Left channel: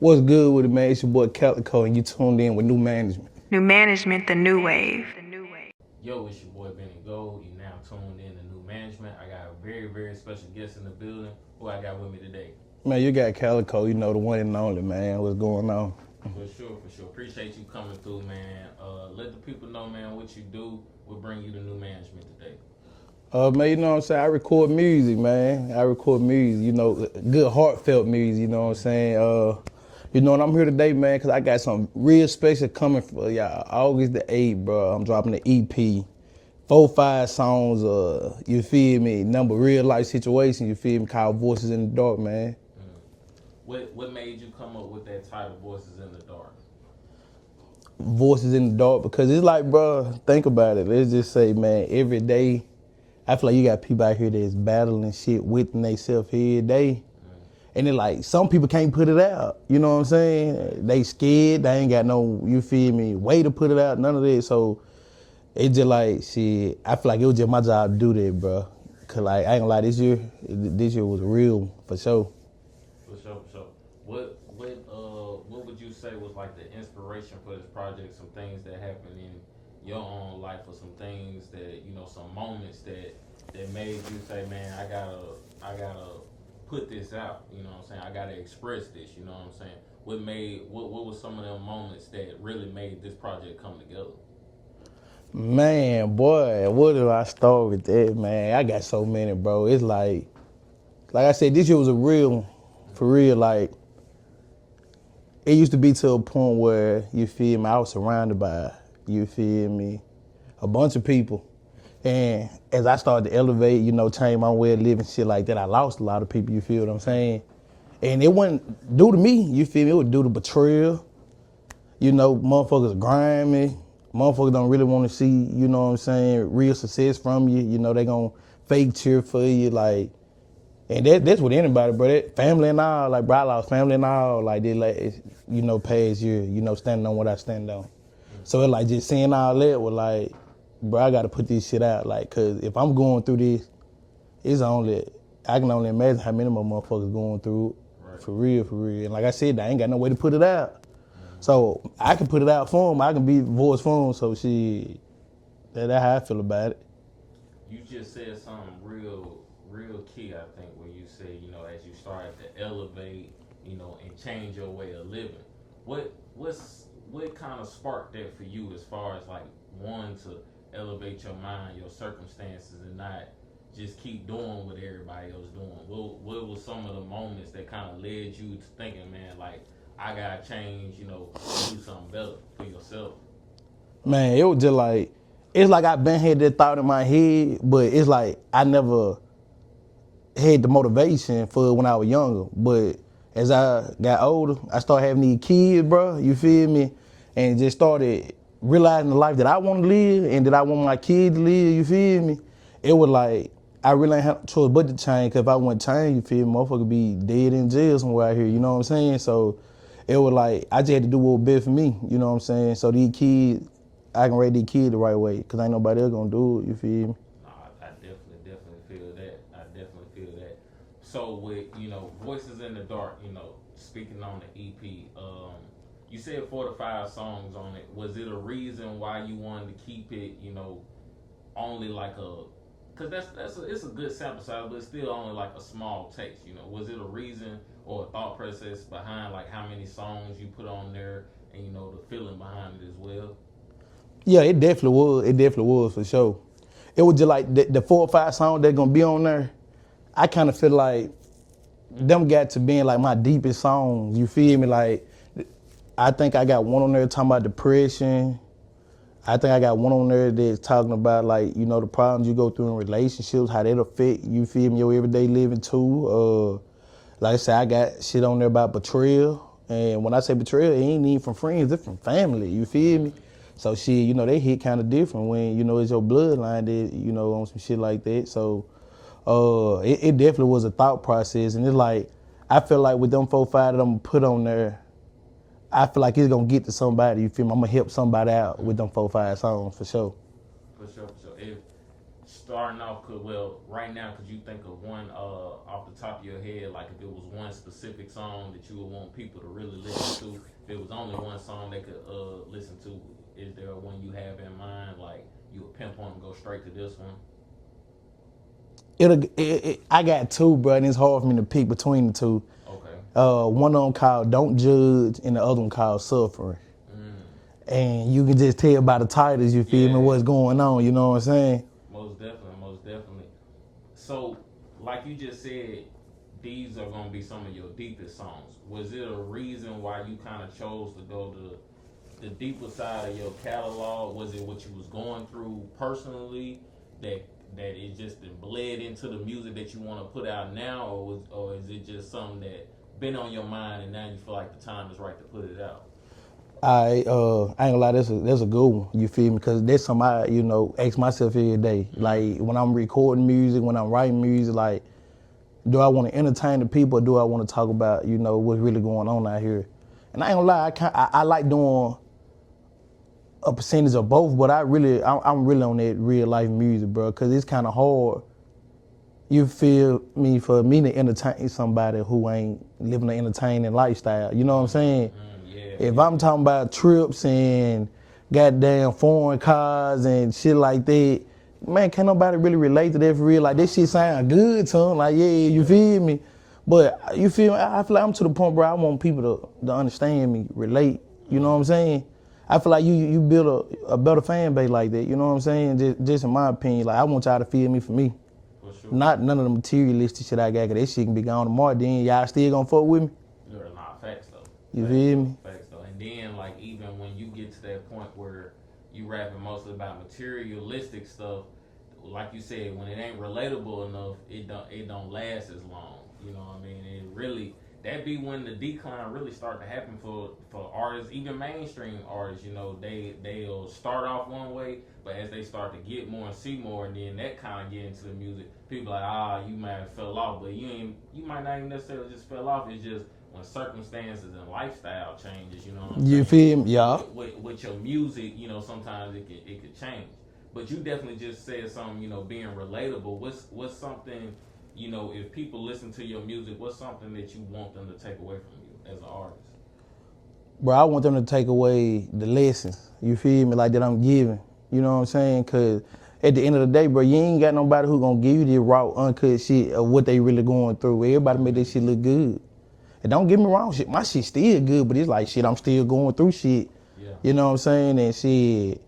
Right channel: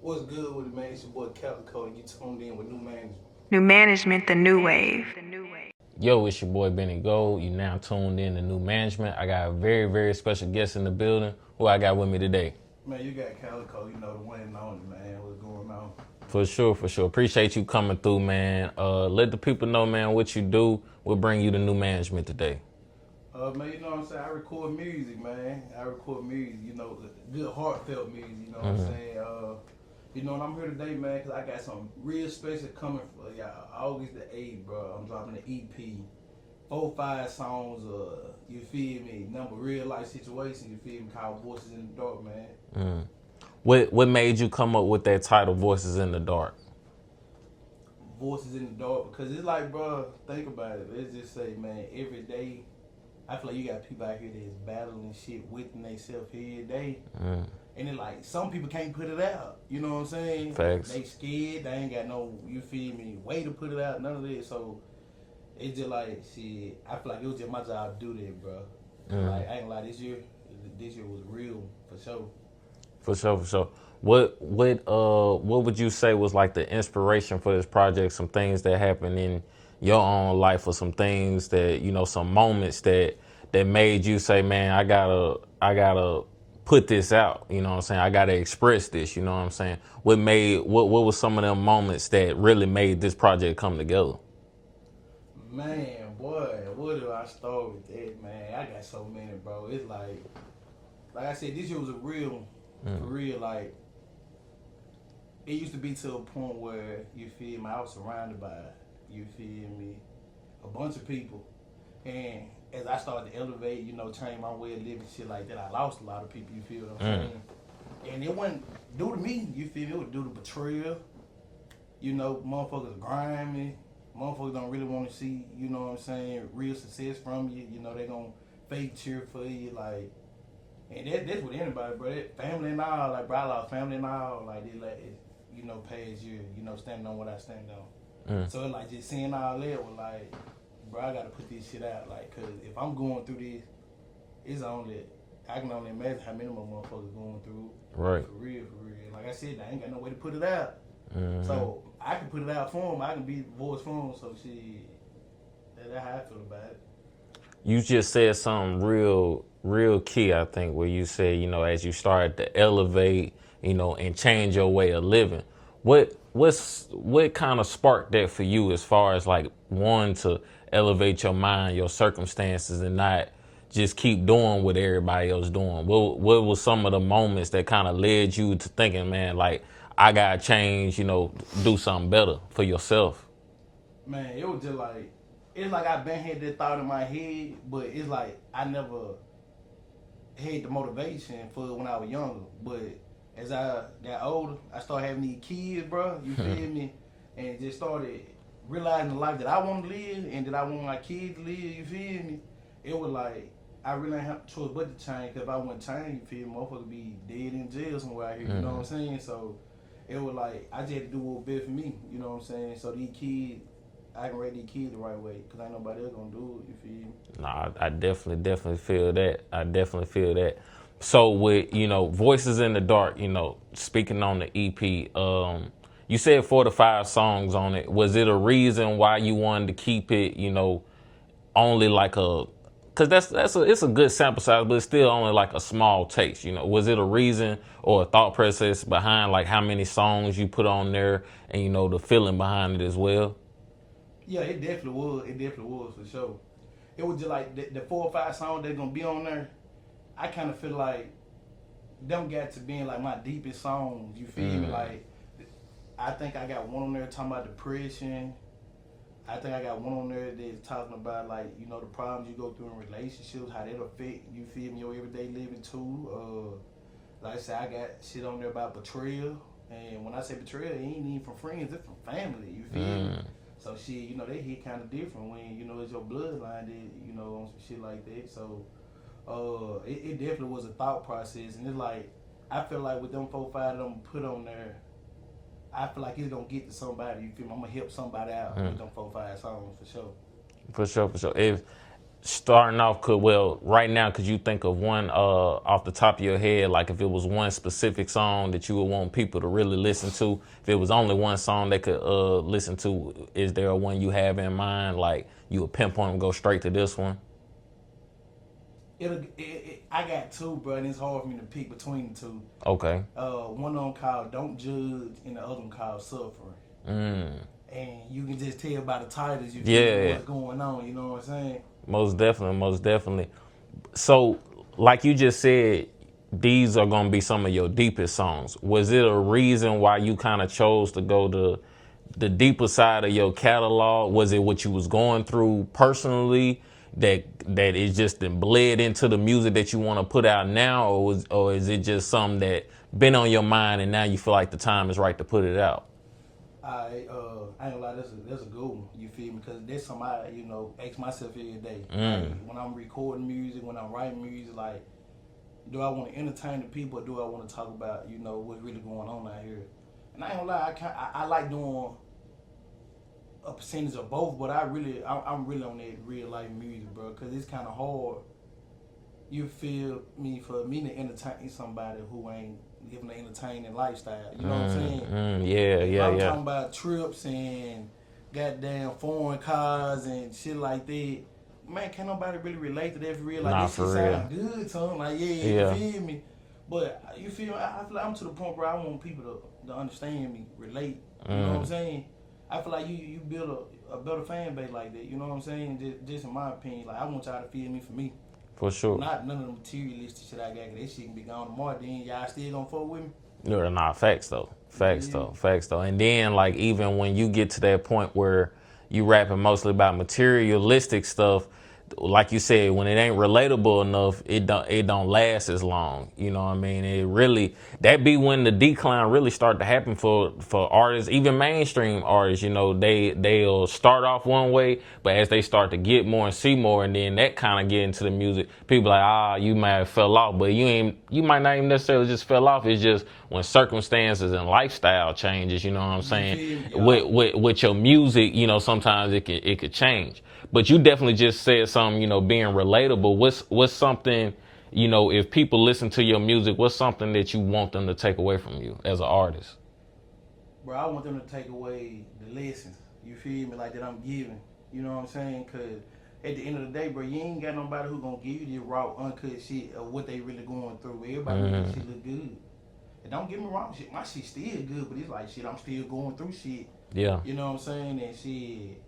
What's good with it, man? It's your boy Calico, and you tuned in with new management. New management, the new wave. Yo, it's your boy Benny Gold. You now tuned in to New Management. I got a very, very special guest in the building who I got with me today. Man, you got Calico, you know, the one and only, man. What's going on? For sure, for sure. Appreciate you coming through, man. Let the people know, man, what you do. We'll bring you to New Management today. Man, you know what I'm saying? I record music, man. I record music, you know, good heartfelt music, you know what I'm saying? You know, and I'm here today, man, because I got something real special coming for y'all. August the 8th, bro. I'm dropping the EP. 4-5 songs, you feel me? Number real life situations, you feel me? Called Voices in the Dark, man. What made you come up with that title, Voices in the Dark? Voices in the Dark, because it's like, bro, think about it. Let's just say, man, every day, I feel like you got people out here that's battling shit within themselves every day. And then like some people can't put it out. You know what I'm saying? Facts. They scared, they ain't got no, you feel me, way to put it out, none of that. So it just like shit, I feel like it was just my job to do that, bro. Cause like I ain't gonna lie, this year was real for sure. For sure, for sure. What would you say was like the inspiration for this project? Some things that happened in your own life, or some things that, you know, some moments that made you say, man, I gotta put this out. You know what I'm saying? I gotta express this. You know what I'm saying? What was some of them moments that really made this project come together? Man, boy, where did I start with that, man? I got so many, bro. It's like I said, this year was a real, for real, like, it used to be to a point where, you feel me, I was surrounded by, you feel me, a bunch of people. And as I started to elevate, you know, change my way of living, shit like that, I lost a lot of people, you feel what I'm saying? And it wasn't due to me, you feel me, it was due to betrayal. You know, motherfuckers grimy. Motherfuckers don't really want to see, you know what I'm saying, real success from you. You know, they gonna fake cheer for you, like, and that's with anybody, bro. That family and all, like, bro, I lost family and all, like, they like, you know, past year, you know, standing on what I stand on. So it like just seeing all that was like, bro, I gotta put this shit out, like, cause if I'm going through this, I can only imagine how many more motherfuckers going through it. Right. For real, for real. And like I said, I ain't got no way to put it out. So I can put it out for them. I can be voice for them. So that's how I feel about it. You just said something real key, I think, where you said, you know, as you started to elevate, you know, and change your way of living. What kind of sparked that for you, as far as like wanting to elevate your mind, your circumstances, and not just keep doing what everybody else doing? What was some of the moments that kind of led you to thinking, man, like, I gotta change, you know, do something better for yourself? Man, it was just like, it's like I've been had that thought in my head, but it's like I never had the motivation for it when I was younger. But as I got older, I started having these kids, bro, you feel me? And just started realizing the life that I want to live and that I want my kids to live, you feel me? It was like, I really ain't have a choice but to change, because if I wouldn't change, you feel me, motherfucker be dead in jail somewhere out here, you know what I'm saying? So it was like, I just had to do what was best for me, you know what I'm saying? So these kids, I can raise these kids the right way, because ain't nobody else gonna do it, you feel me? Nah, I definitely feel that. I definitely feel that. So with, you know, Voices in the Dark, you know, speaking on the EP, you said 4 to 5 songs on it. Was it a reason why you wanted to keep it, you know, only like cause it's a good sample size, but it's still only like a small taste, you know? Was it a reason or a thought process behind like how many songs you put on there, and, you know, the feeling behind it as well? Yeah, it definitely was. It definitely was, for sure. It was just like the 4 or 5 songs that's gonna be on there, I kind of feel like them got to being like my deepest songs. You feel me? Like, I think I got one on there talking about depression. I think I got one on there that's talking about, like, you know, the problems you go through in relationships, how that affect, you feel me, your everyday living too. Like I said, I got shit on there about betrayal. And when I say betrayal, it ain't even from friends, it's from family, you feel me? So shit, you know, they hit kind of different when, you know, it's your bloodline that, you know, on some shit like that. So it definitely was a thought process. And it's like, I feel like with them 4-5 that I'm gonna put on there, I feel like it's gonna get to somebody, you feel me? I'm gonna help somebody out with them 4-5 songs, for sure. For sure, for sure. starting off, right now, could you think of one off the top of your head, like if it was one specific song that you would want people to really listen to? If it was only one song they could listen to, is there one you have in mind, like you would pinpoint and go straight to this one? I got two, bro, and it's hard for me to pick between the two. Okay. One of them called "Don't Judge" and the other one called "Suffering." And you can just tell by the titles, you feel me, what's going on. You know what I'm saying? Most definitely, most definitely. So, like you just said, these are gonna be some of your deepest songs. Was it a reason why you kind of chose to go to the deeper side of your catalog? Was it what you was going through personally that it just bled into the music that you want to put out now, or is it just something that been on your mind and now you feel like the time is right to put it out? I ain't gonna lie, that's a good one. You feel me? Because that's something I ask myself every day. Like when I'm recording music, when I'm writing music, like, do I want to entertain the people, or do I want to talk about what's really going on out here? And I ain't gonna lie, I like doing a percentage of both, but I'm really on that real life music, bro. Because it's kind of hard. You feel me, for me to entertain somebody who ain't living an entertaining lifestyle. You know what I'm saying? If I'm talking about trips and goddamn foreign cars and shit like that, man, can't nobody really relate to that for real. Like, this shit sound good to them. Like, you feel me? But you feel me? I feel like I'm to the point where I want people to understand me, relate. You know what I'm saying? I feel like you build a better fan base like that. You know what I'm saying? Just in my opinion, like, I want y'all to feel me for me. For sure. Not none of the materialistic shit I got, cause that shit can be gone tomorrow. Then y'all still gonna fuck with me? No, nah, facts though. Facts though. And then, like, even when you get to that point where you rapping mostly about materialistic stuff, like you said, when it ain't relatable enough, it don't last as long. You know what I mean? It really, that be when the decline really start to happen for artists, even mainstream artists. They'll start off one way, but as they start to get more and see more, and then that kind of get into the music, people like, you might have fell off, but you might not even necessarily just fell off. It's just when circumstances and lifestyle changes. You know what I'm saying? You feel me? Yeah. With your music, sometimes it could change. But you definitely just said something, being relatable. What's something, if people listen to your music, what's something that you want them to take away from you as an artist? Bro, I want them to take away the lessons, you feel me, like that I'm giving. You know what I'm saying? Because at the end of the day, bro, you ain't got nobody who gonna give you the raw, uncut shit of what they really going through. Everybody make this shit look good. And don't get me wrong, my shit still good, but it's like, shit, I'm still going through shit. Yeah. You know what I'm saying? And shit,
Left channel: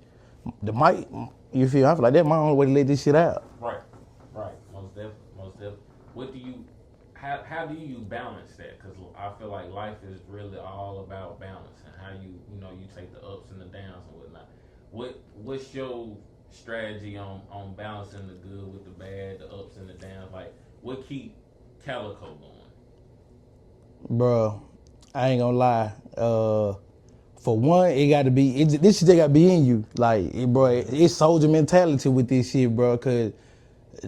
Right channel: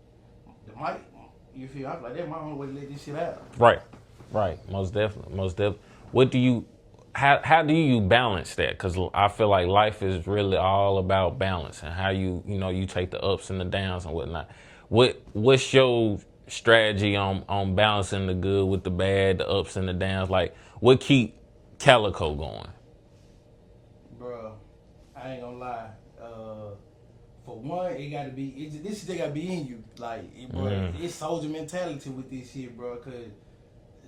the mic... You feel? I feel like that's my only way to let this shit out. Right. Most definitely. How do you balance that? Because I feel like life is really all about balance and how you take the ups and the downs and whatnot. What's your strategy on balancing the good with the bad, the ups and the downs? Like, what keep Calico going? Bro, I ain't gonna lie. For one, it got to be, this shit got to be in you. Like, bro, it's soldier mentality with this shit, bro. Because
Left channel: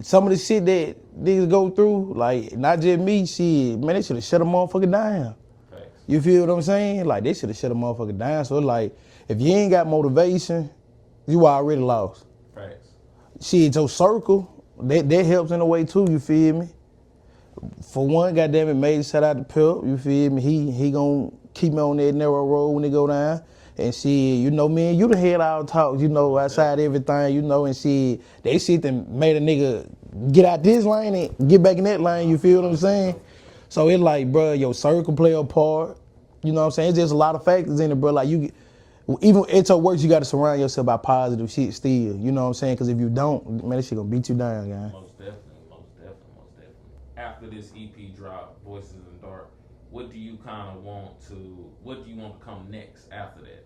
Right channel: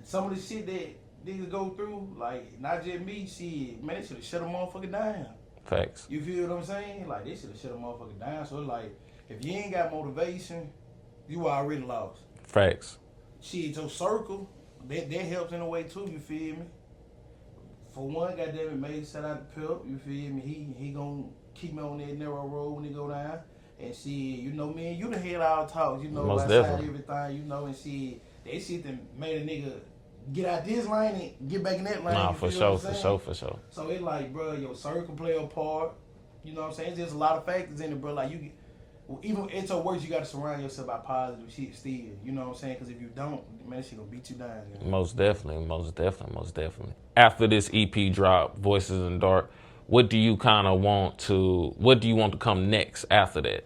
some of the shit that niggas go through, like, not just me, shit, man, they should have shut a motherfucker down. Facts. You feel what I'm saying? Like, they should have shut a motherfucker down. So, like, if you ain't got motivation, you already lost. Facts. Shit, your circle, that helps in a way, too, you feel me? For one, goddamn it, made shout out to Pip, you feel me? He gonna keep me on that narrow road when it go down. And shit, me and you done had our talks, Most outside definitely. everything, and shit, they shit that made a nigga get out this lane and get back in that lane, you feel what I'm saying? For sure. So it's like, bro, your circle play a part, you know what I'm saying? It's just a lot of factors in it, bro. Like, even at your worst, you gotta surround yourself by positive shit still, you know what I'm saying? Because if you don't, man, that shit gonna beat you down, guys. Most definitely. After this EP drop, Voices in the Dark, what do you want to come next after that?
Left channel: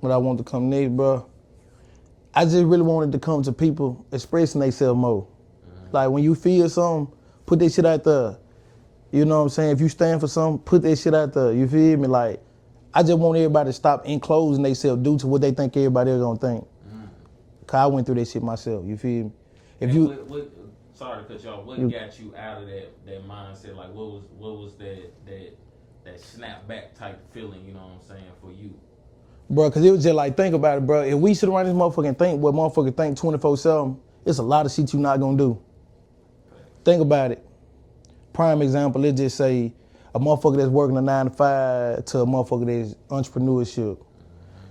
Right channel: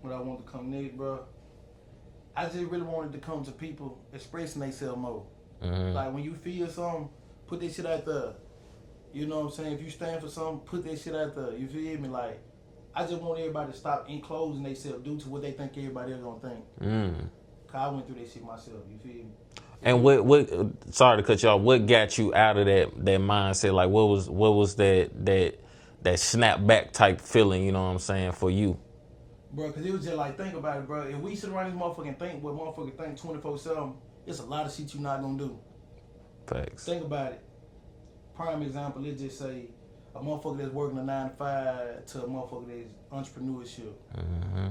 What I want to come next, bro, I just really wanted to come to people expressing themselves more. Like, when you feel something, put that shit out there. You know what I'm saying? If you stand for something, put that shit out there. You feel me? Like, I just want everybody to stop enclosing themselves due to what they think everybody else gonna think. Cause I went through that shit myself. You feel me? What? Sorry to cut you off. What got you out of that mindset? Like, what was that snap back type feeling? You know what I'm saying, for you? Bro, cause it was just like, think about it, bro. If we sit around this motherfucker and think what motherfucker think 24/7, it's a lot of shit you not gonna do. Facts. Think about it. Prime example, let's just say a motherfucker that's working a 9 to 5 to a motherfucker that's entrepreneurship.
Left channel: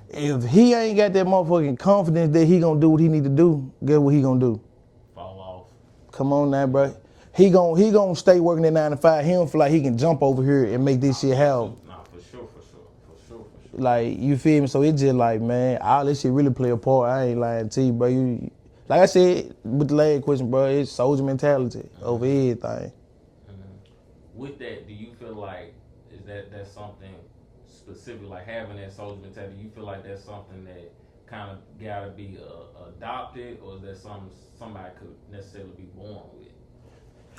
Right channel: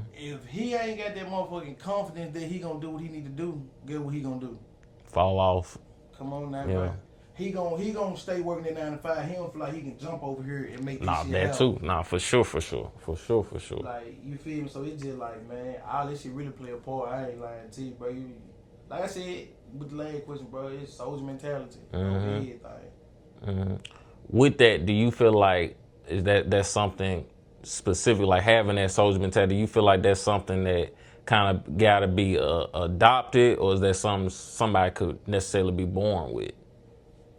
If he ain't got that motherfucking confidence that he gonna do what he need to do, guess what he gonna do? Fall off. Come on now, bro. He gon' stay working at 9 to 5. He don't feel like he can jump over here and make this shit happen. Nah, for sure. Like, you feel me? So it's just like, man, all this shit really play a part. I ain't lying to you, bro. You, like I said with the last question, bro, it's soldier mentality over everything. With that, do you feel like that's something specific, like having that soldier mentality? Do you feel like that's something that kind of gotta be adopted, or is that something somebody could necessarily be born with?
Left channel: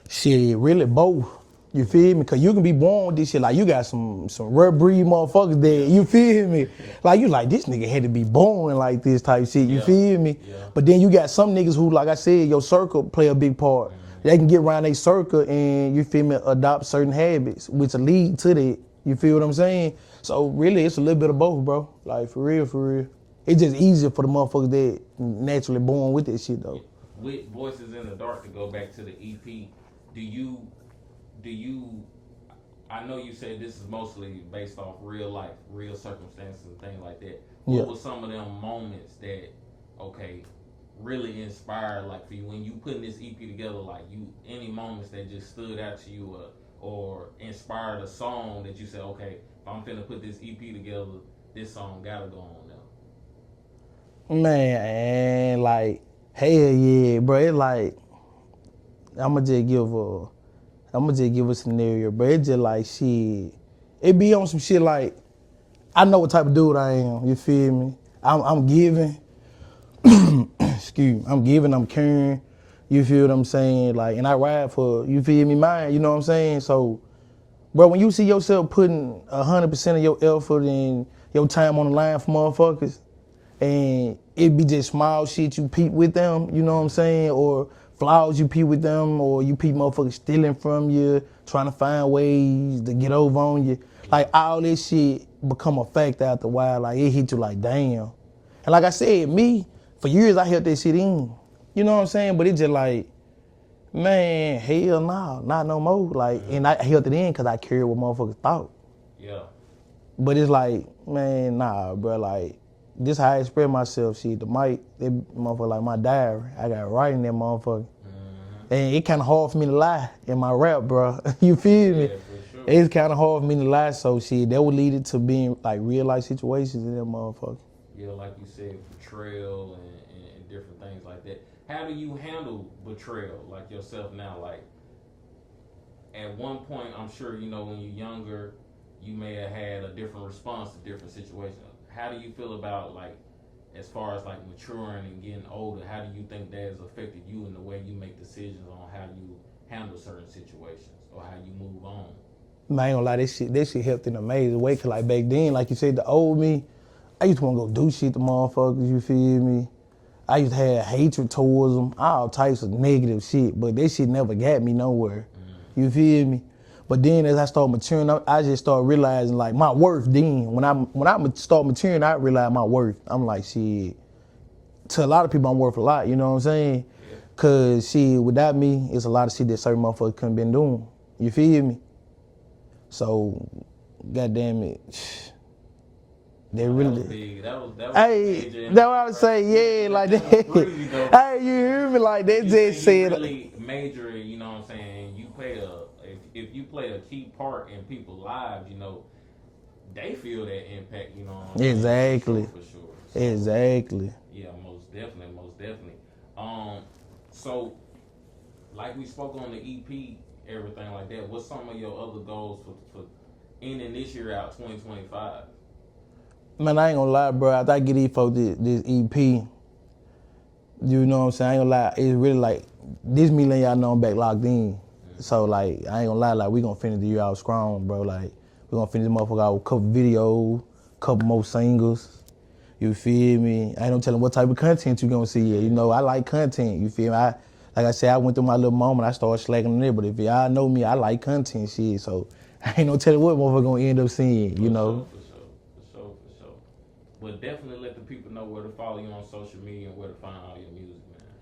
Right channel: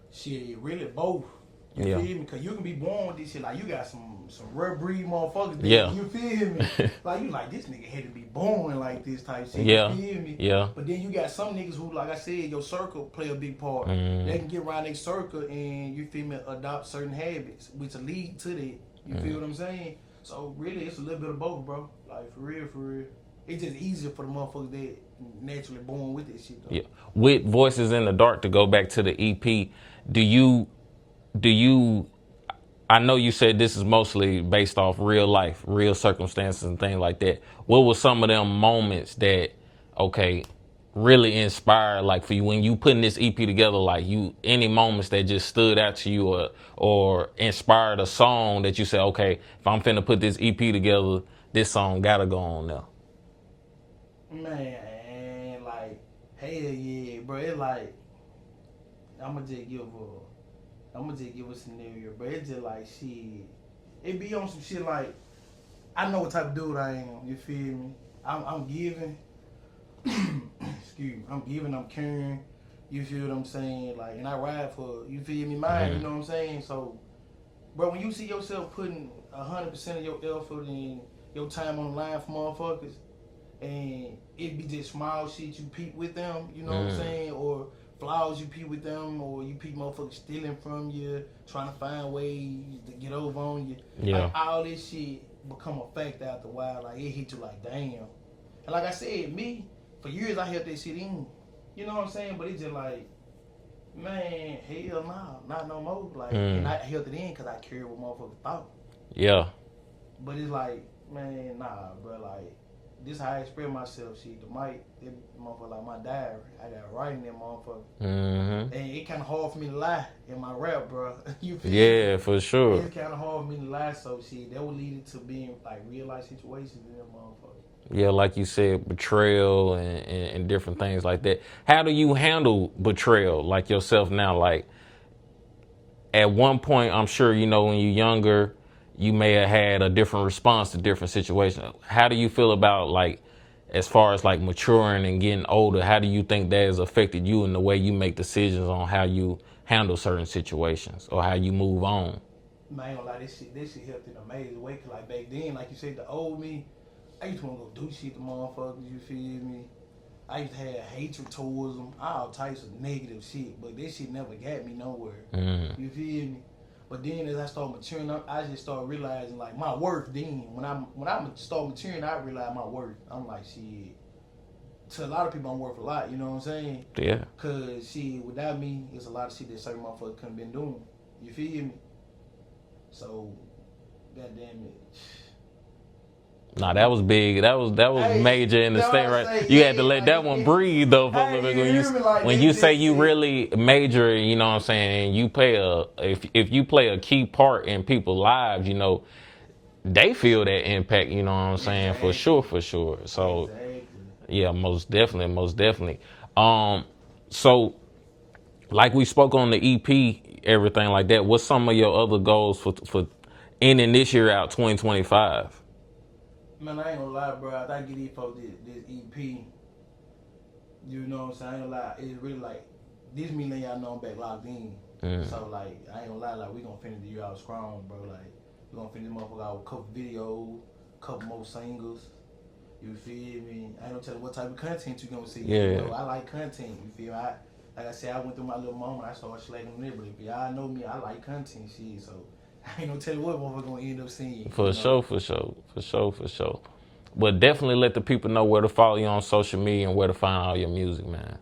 Shit, really both. You feel me? Cause you can be born with this shit. Like, you got some rare breed motherfuckers there. You feel me? Like, you like, this nigga had to be born like this type shit. You feel me? Yeah. But then you got some niggas who, like I said, your circle play a big part. They can get around their circle and, you feel me, adopt certain habits, which will lead to that. You feel what I'm saying? So really, it's a little bit of both, bro. Like, for real. It's just easier for the motherfuckers that naturally born with that shit, though. Yeah. With Voices in the Dark, to go back to the EP, do you, I know you said this is mostly based off real life, real circumstances and things like that. What were some of them moments that, okay, really inspired, like, for you when you putting this EP together, like, any moments that just stood out to you or inspired a song that you said, okay, if I'm finna put this EP together, this song gotta go on there? Man, like, hell yeah, bro. It like, I'ma just give a scenario, bro. It just like, shit. It be on some shit like, I know what type of dude I am. You feel me? I'm giving. Excuse me. I'm giving. I'm caring. You feel what I'm saying? Like, and I ride for, you feel me, mine. You know what I'm saying? So, bro, when you see yourself putting 100% of your effort and your time on the line for motherfuckers, and it be just small shit you peep with them, you know what I'm saying? Or flaws you peep with them, or you peep motherfuckers stealing from you, trying to find ways to get over on you. Like, all this shit become a fact after a while. Like, it hit you like, damn. And like I said, me, for years I held that shit in. You know what I'm saying? But it just like, man, hell nah, not no more. Like, and I held it in because I cared what motherfuckers thought. Yeah. But it's like, man, nah, bro, like, this how I express myself. Shit, the mic, that motherfucker like my diary. I got writing that motherfucker. And it kind of hard for me to lie in my rap, bro. You feel me? Yeah, for sure. It's kind of hard for me to lie, so shit, that would lead it to being like real life situations in that motherfucker. Yeah, like you said, betrayal and different things like that. How do you handle betrayal, like yourself now? Like, at one point, I'm sure, you know, when you're younger, you may have had a different response to different situations. How do you feel about, like, as far as like maturing and getting older, how do you think that has affected you in the way you make decisions on how you handle certain situations or how you move on? Man, I ain't gonna lie, this shit helped in an amazing way. Cause like back then, like you said, the old me, I used to wanna go do shit to motherfuckers, you feel me? I used to have hatred towards them, all types of negative shit, but that shit never got me nowhere. You feel me? But then as I started maturing, I just started realizing like my worth then. When I start maturing, I realize my worth. I'm like, shit, to a lot of people I'm worth a lot, you know what I'm saying? Yeah. Cause shit, without me, it's a lot of shit that certain motherfuckers couldn't been doing. You feel me? So, goddamn it. Nah, that was big. That was major in the state, right? You had to let that one breathe, though. When you say you really major, you know what I'm saying, and you play if you play a key part in people's lives, you know, they feel that impact, you know what I'm saying? Exactly. For sure. So exactly. Yeah, most definitely. So like we spoke on the EP, everything like that, what's some of your other goals for ending this year out, 2025? Man, I ain't gonna lie, bro. After I get this EP, you know what I'm saying? I ain't gonna lie. It's really like, this me letting y'all know I'm back locked in. So, like, I ain't gonna lie, like, we gonna finish the year out strong, bro. Like, we gonna finish this motherfucker out with a couple videos, couple more singles. You feel me? I ain't no telling what type of content you gonna see. Yeah. You know, I like content. You feel me? Like I said, I went through my little moment. I started slacking on it, but if y'all know me, I like content shit. So, I ain't no telling what motherfucker gonna end up seeing. For sure. But definitely let the people know where to follow you on social media and where to find all your music, man.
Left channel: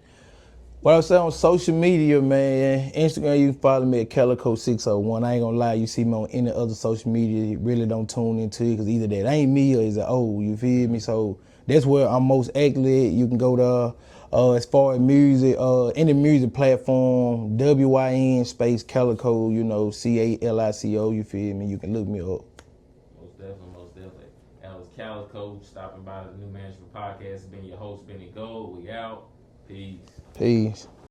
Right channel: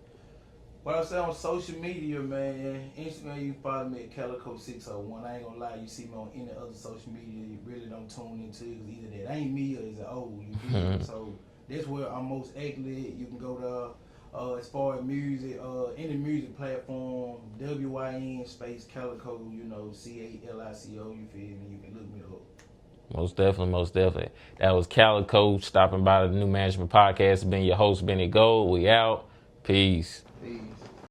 What I say on social media, man, Instagram, you can follow me at Calico601. I ain't gonna lie, you see me on any other social media, you really don't tune into it, because either that ain't me or is it you feel me? So that's where I'm most active at. You can go there. As far as music, any music platform, WYN space Calico, Calico, you feel me? You can look me up. Most definitely, most definitely. That was Calico stopping by the New Management Podcast. Been your host, Benny Gold. We out. Peace. Peace.